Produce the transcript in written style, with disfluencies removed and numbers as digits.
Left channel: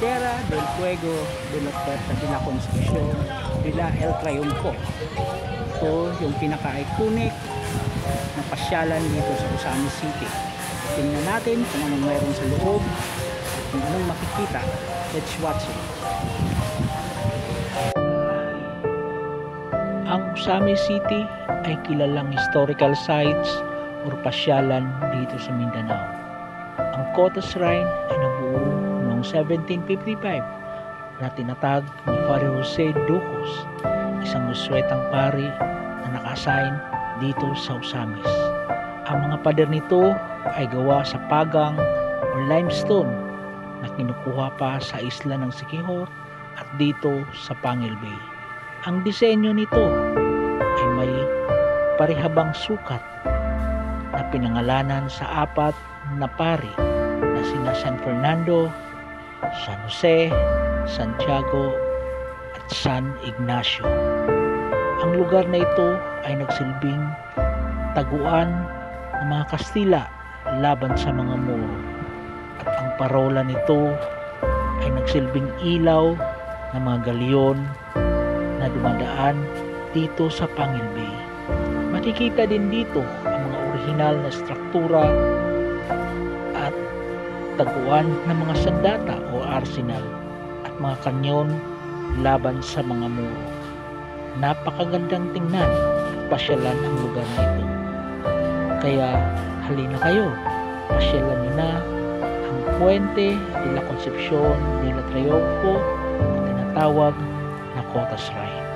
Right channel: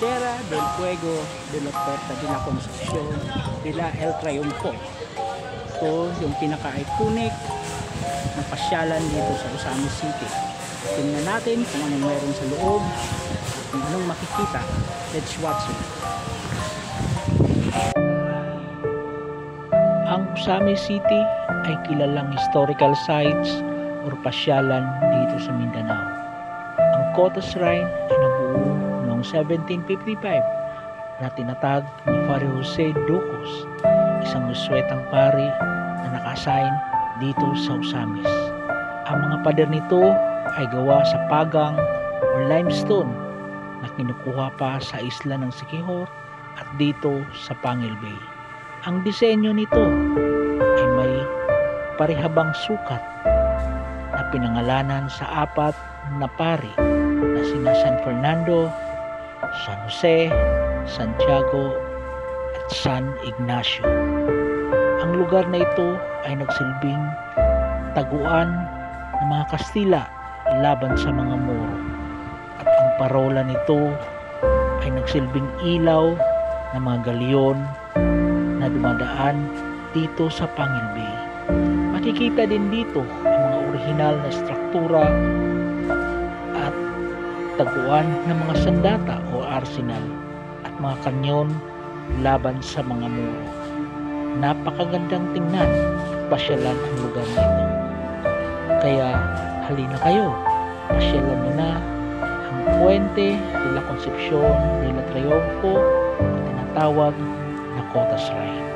Tierra del Fuego de la Puerta de la Concepcion de la El Triunfo. Ito yung pinaka-iconic na pasyalan dito sa Osamis City. Tingnan natin kung anong mayroon sa loob at kung anong makikita. Let's watch it. Ang Osamis City ay kilalang historical sites o pasyalan dito sa Mindanao. Ang Cota Shrine ay nabuo noong 1755 na tinatag ni Father Jose Ducos, isang uswetang pari na naka-assign dito sa Osamis. Ang mga pader nito ay gawa sa pagang o limestone na kinukuha pa sa isla ng Siquijor at dito sa Pangil Bay. Ang disenyo nito ay may parihabang sukat na pinangalanan sa apat na pari na sina San Fernando, San Jose, Santiago at San Ignacio. Ang lugar na ito ay nagsilbing taguan ng mga Kastila laban sa mga Moro, at ang parola nito ay nagsilbing ilaw ng mga galyon na dumadaan dito sa Pangil Bay. Makikita din dito ang mga orihinal na struktura at taguan ng mga sandata o arsenal at mga kanyon laban sa mga Moro. Napakagandang tingnan at pasyalan ang lugar na ito. Kaya halina kayo, pasyalan nyo na ang Puente de la Concepcion de la Triunfo na tinatawag na Cota Shrine.